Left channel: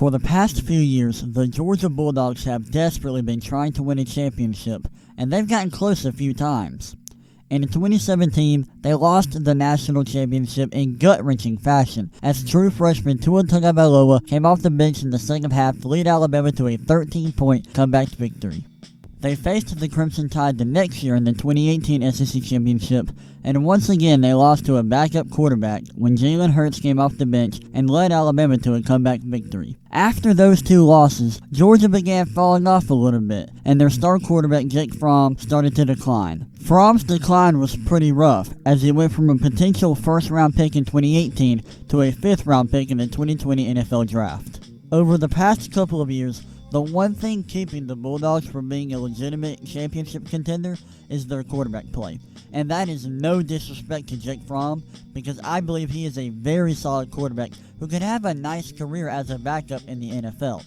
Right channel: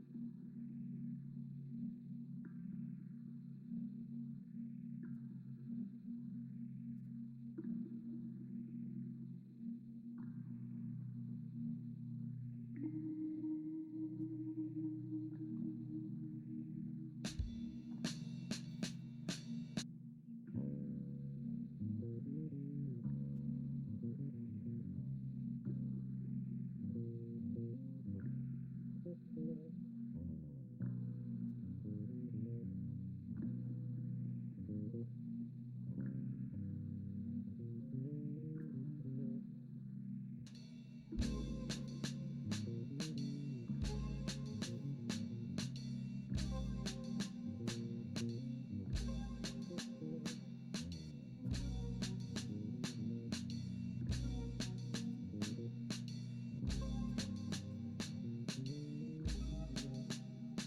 For the past few years, the Georgia Bulldogs have desperately been trying to win a championship, and they've gotten close a few times. And in 2017, they lost the national championship in gut-wrenching fashion, as true freshman Tua Tagovailoa came off the bench in the second half to lead Alabama to a 13-point comeback victory. They faced the Crimson Tide the next year in the 2018 SEC Championship, and once again they lost to a backup quarterback when Jalen Hurts came off the bench and led Alabama to a comeback victory. After those two losses, Georgia began falling off a little bit, and their star quarterback Jake Fromm started to decline. Fromm's decline was pretty rough, as he went from a potential first-round pick in 2018 to a fifth-round pick in the 2020 NFL Draft. Over the past couple of years, the one thing keeping the Bulldogs from being a legitimate championship contender is their quarterback play. And that is no disrespect to Jake Fromm, because I believe he is a very solid quarterback who could have a nice career as a backup in the NFL.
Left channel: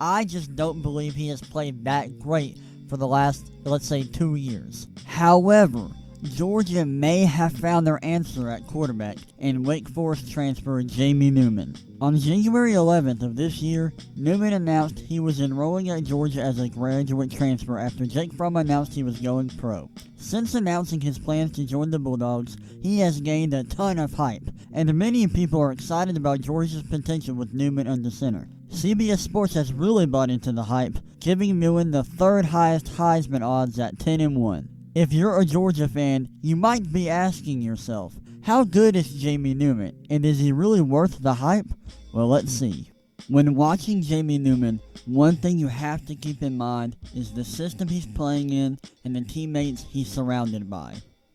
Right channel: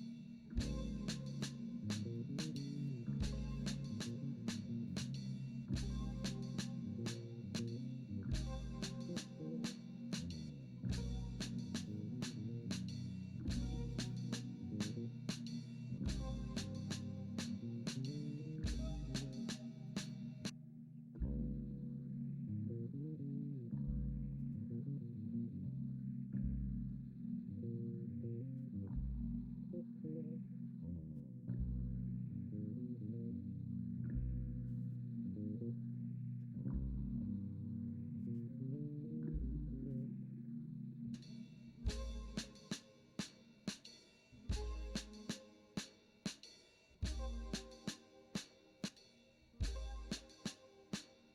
I just don't believe he has played that great for the last, let's say, 2 years. However, Georgia may have found their answer at quarterback in Wake Forest transfer Jamie Newman. On January 11th of this year, Newman announced he was enrolling at Georgia as a graduate transfer after Jake Fromm announced he was going pro. Since announcing his plans to join the Bulldogs, he has gained a ton of hype, and many people are excited about Georgia's potential with Newman under center. CBS Sports has really bought into the hype, giving Newman the third highest Heisman odds at 10-1. If you're a Georgia fan, you might be asking yourself, how good is Jamie Newman, and is he really worth the hype? Well, let's see. When watching Jamie Newman, one thing you have to keep in mind is the system he's playing in and the teammates he's surrounded by.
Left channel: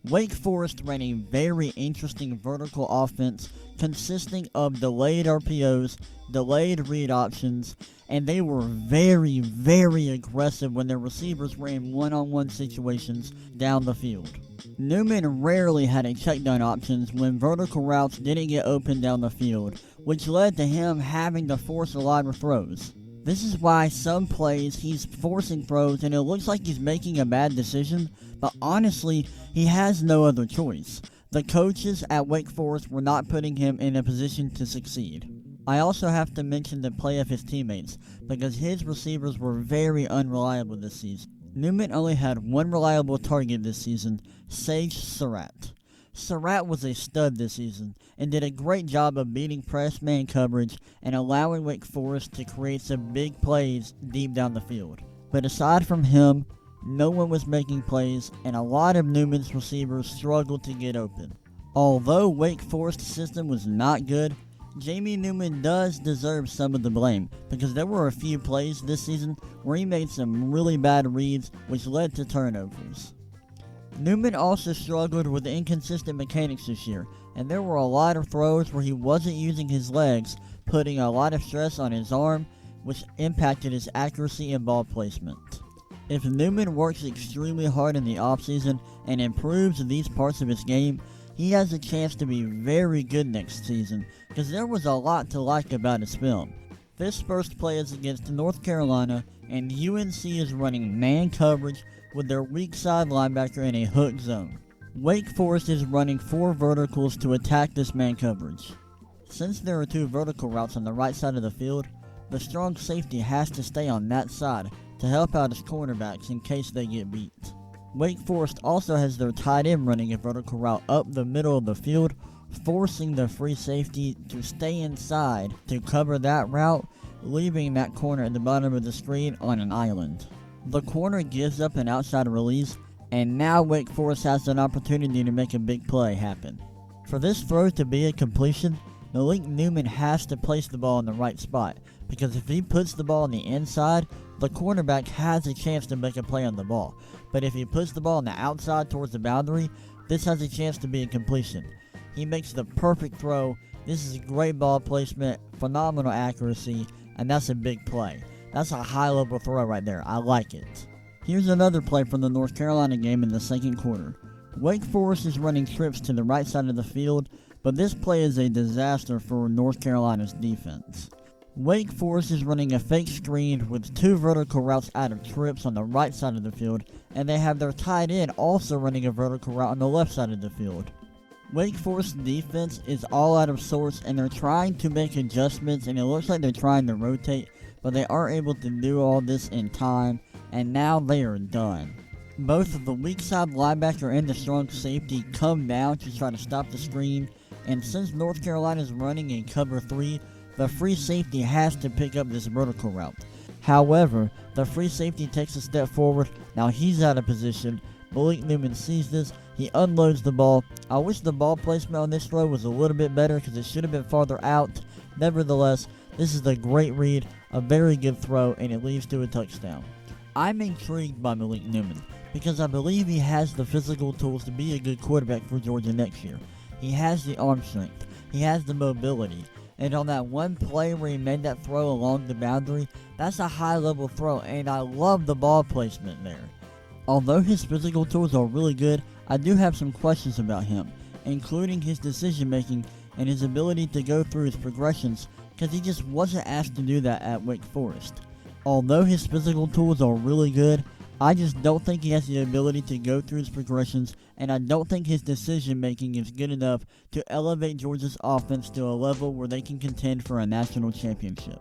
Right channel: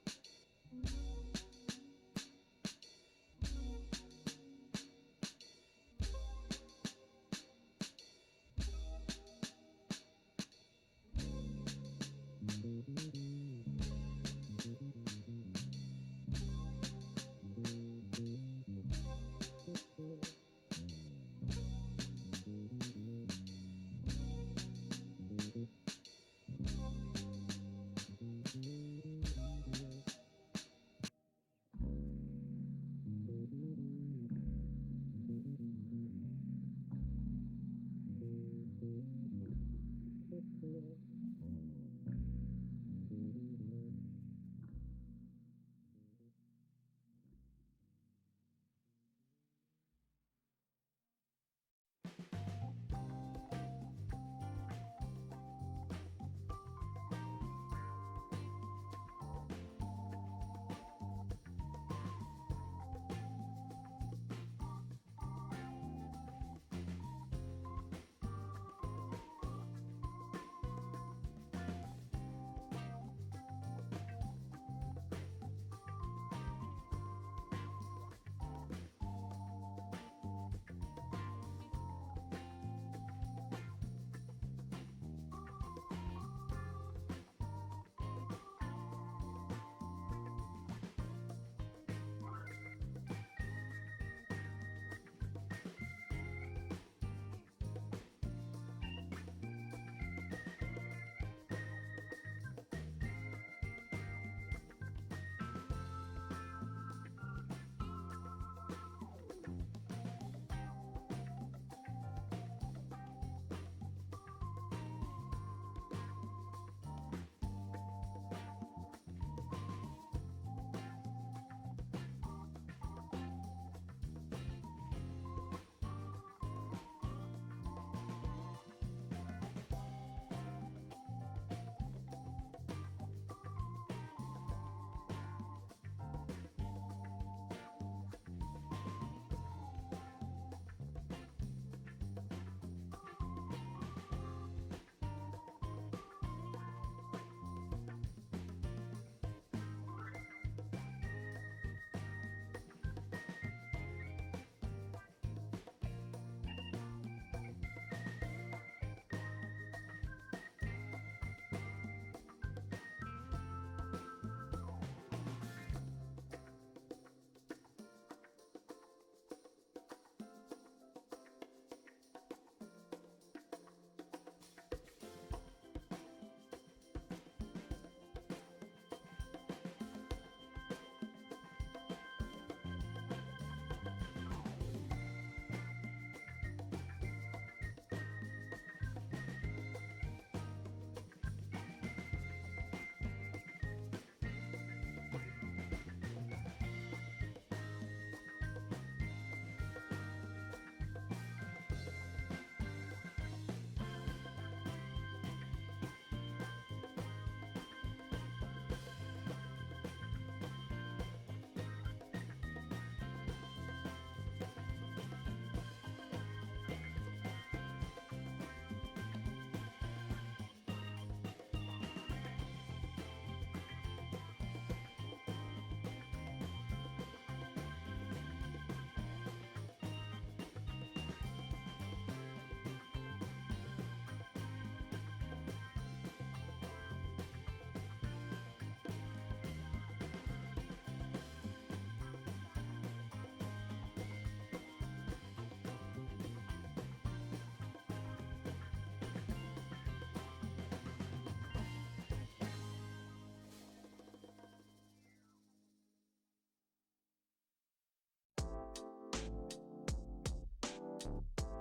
Wake Forest ran a very interesting vertical offense consisting of delayed RPOs, delayed read options, and they were very, very aggressive when their receivers were in one-on-one situations down the field. Newman rarely had a check-down options when vertical routes didn't get open down the field, which led to him having to force a lot of throws. This is why some plays he's forcing throws and it looks like he's making a bad decision, but honestly, he has no other choice. The coaches at Wake Forest were not putting him in a position to succeed. I also have to mention the play of his teammates, because his receivers were very unreliable this season. Newman only had one reliable target this season, Sage Surratt. Surratt was a stud this season, and did a great job of beating press man coverage and allowing Wake Forest to create some big plays deep down the field. But aside from him, no one was making plays, and a lot of Newman's receivers struggled to get open. Although Wake Forest's system was not good, Jamie Newman does deserve some of the blame, because there were a few plays this season where he made some really bad reads, which led to turnovers. Newman also struggled with inconsistent mechanics this year, and there were a lot of throws where he wasn't using his legs, putting a lot of stress on his arm, which impacted his accuracy and ball placement. If Newman works extremely hard in the offseason and improves these parts of his game, he has a chance to be very good next season, because there was a lot to like about his film. This first play is against North Carolina, and UNC is running man coverage with their weak side linebacker in a hook zone. Wake Forest is running 4 verticals to attack this man coverage. Since there are 2 vertical routes on the right side of the field, the strong safety has to stay on that side to help out his cornerbacks in case they get beat. Wake Forest also has their tight end running a vertical route up the middle of the field, forcing the free safety to stay inside to cover that route, leaving that corner at the bottom of the screen on an island. The corner gives up an outside release, and now Wake Forest has an opportunity to make a big play happen. For this throw to be a completion, Malik Newman has to place the ball in the right spot, because if he puts the ball on the inside, the cornerback has a chance to make a play on the ball. But if he puts the ball on the outside towards the boundary, this has a chance to be a completion. He makes the perfect throw. This is great ball placement, phenomenal accuracy, and that's a big play. That's a high-level throw right there. I like it. Here's another play from the North Carolina game in the second quarter. Wake Forest is running trips to the right side of the field, but this play is a disaster for North Carolina's defense. Wake Forest is running a fake screen with 2 vertical routes out of trips on the right side of the field, and they have their tight end also running a vertical route on the left side of the field. Wake Forest defense is all out of sorts, and they're trying to make adjustments, and it looks like they're trying to rotate, but they aren't able to do all this in time, and now they are done. Both of the weak side linebacker and the strong safety come down to try to stop the screen, and since North Carolina is running in cover 3, the free safety has to pick up this vertical route. However, the free safety takes a step forward. Now he's out of position. Malik Newman sees this. He unloads the ball. I wish the ball placement on this throw was a little bit better because it should have been farther out. Nevertheless, this is a great read, a very good throw, and it leads to a touchdown. I'm intrigued by Malik Newman because I believe he has the physical tools to be a good quarterback for Georgia next year. He has the arm strength. He has the mobility. And on that one play where he made that throw along the boundary, that's a high-level throw, and I love the ball placement there. Although his physical tools are really good, I do have some questions about him, including his decision-making and his ability to go through his progressions, because he just wasn't asked to do that at Wake Forest. Although his physical tools are really good, I just don't think he has the ability to go through his progressions, and I don't think his decision-making is good enough to elevate Georgia's offense to a level where they can contend for a national championship.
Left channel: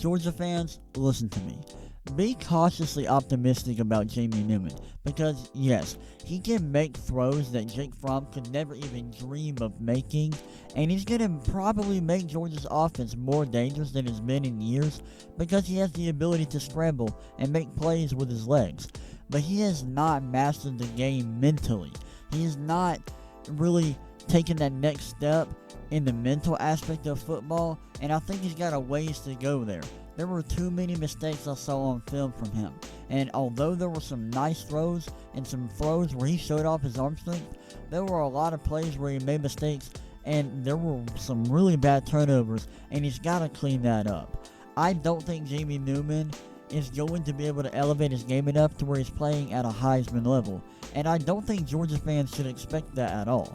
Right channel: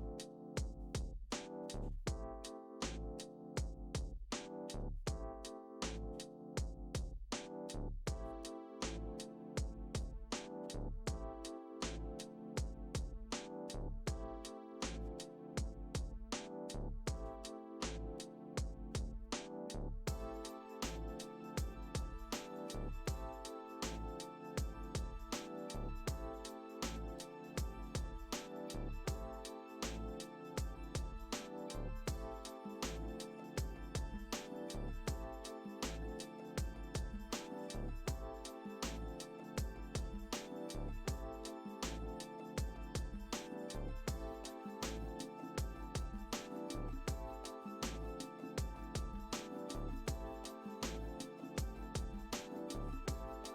Georgia fans, listen to me. Be cautiously optimistic about Jamie Newman, because yes, he can make throws that Jake Fromm could never even dream of making, and he's going to probably make Georgia's offense more dangerous than it's been in years because he has the ability to scramble and make plays with his legs. But he has not mastered the game mentally. He has not really taken that next step in the mental aspect of football, and I think he's got a ways to go there. There were too many mistakes I saw on film from him, and although there were some nice throws and some throws where he showed off his arm strength, there were a lot of plays where he made mistakes, and there were some really bad turnovers, and he's got to clean that up. I don't think Jamie Newman is going to be able to elevate his game enough to where he's playing at a Heisman level, and I don't think Georgia fans should expect that at all.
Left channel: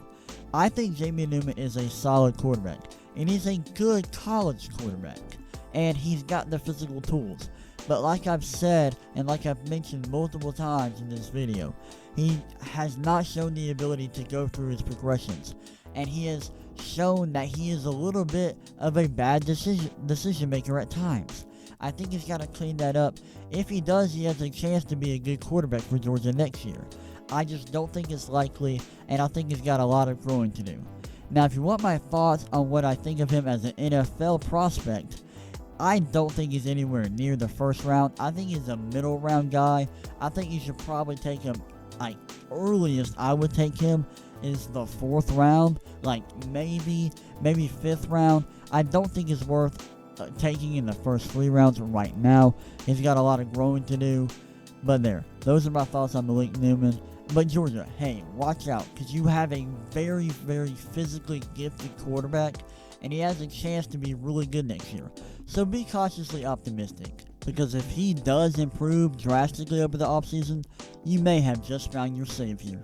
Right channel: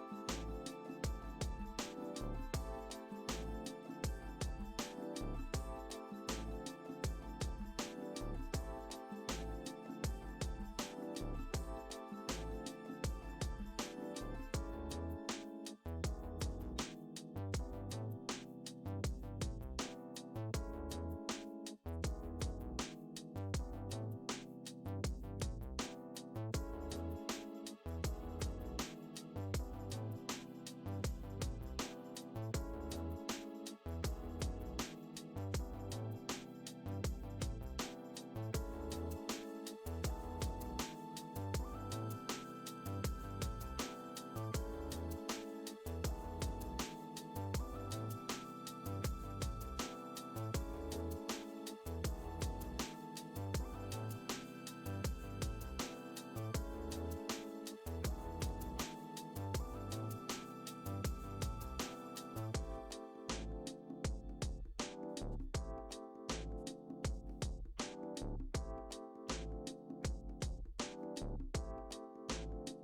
I think Jamie Newman is a solid quarterback, and he's a good college quarterback, and he's got the physical tools. But like I've said, and like I've mentioned multiple times in this video, he has not shown the ability to go through his progressions, and he has shown that he is a little bit of a bad decision maker at times. I think he's got to clean that up. If he does, he has a chance to be a good quarterback for Georgia next year. I just don't think it's likely, and I think he's got a lot of growing to do. Now, if you want my thoughts on what I think of him as an NFL prospect, I don't think he's anywhere near the first round. I think he's a middle round guy. I think you should probably take him, like, earliest I would take him is the 4th round, like maybe 5th round. I don't think it's worth taking in the first 3 rounds right now. He's got a lot of growing to do. But those are my thoughts on Malik Newman. But Georgia, hey, watch out, because you have a very, very physically gifted quarterback, and he has a chance to be really good next year. So be cautiously optimistic, because if he does improve drastically over the offseason, you may have just found your savior.